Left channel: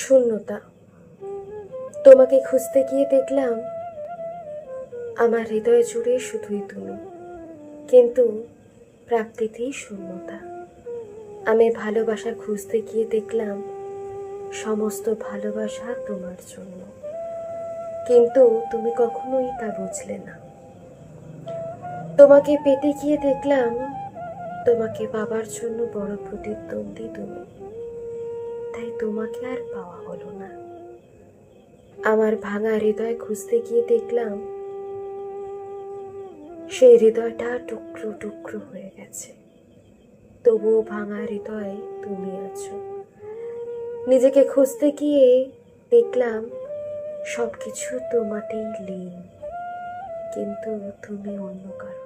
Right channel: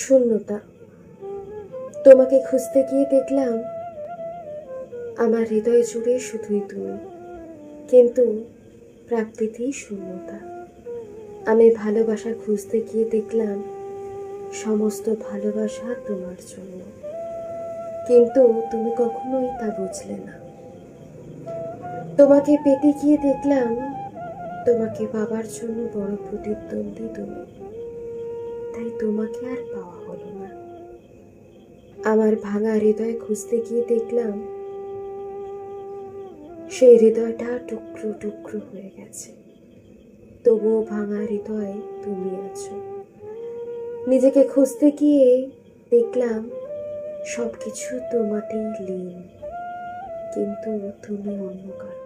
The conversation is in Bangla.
শূন্যতা। তোমাকে খুঁজতে গিয়ে দেখলাম আমার হৃদয় জুড়ে শুধুই তুমি, কিন্তু প্রাপ্তিতেই শূন্যতা। আমি ভালোবাসা খুঁজতে গিয়ে দেখলাম সমস্ত ভালোবাসা তোমার জন্য, কিন্তু তুমি কখনোই তা বুঝলে না। তোমাকে পেতে গিয়ে দেখলাম তোমাকে পাবার জন্য বড় প্রতিদ্বন্দ্বী তুমি, তাই তোমাকে আর পাওয়া হলো না। আমার ভাঙা হৃদয় খুঁজতে গিয়ে দেখলাম সেই হৃদয়টা টুকরো টুকরো হয়ে গেছে, তবুও ভাঙা হৃদয়ে তুমি আছো। নিজেকে খুঁজতে গিয়ে দেখলাম সবকিছু তোমাতেই লীন, কিন্তু তুমি অন্য কারো।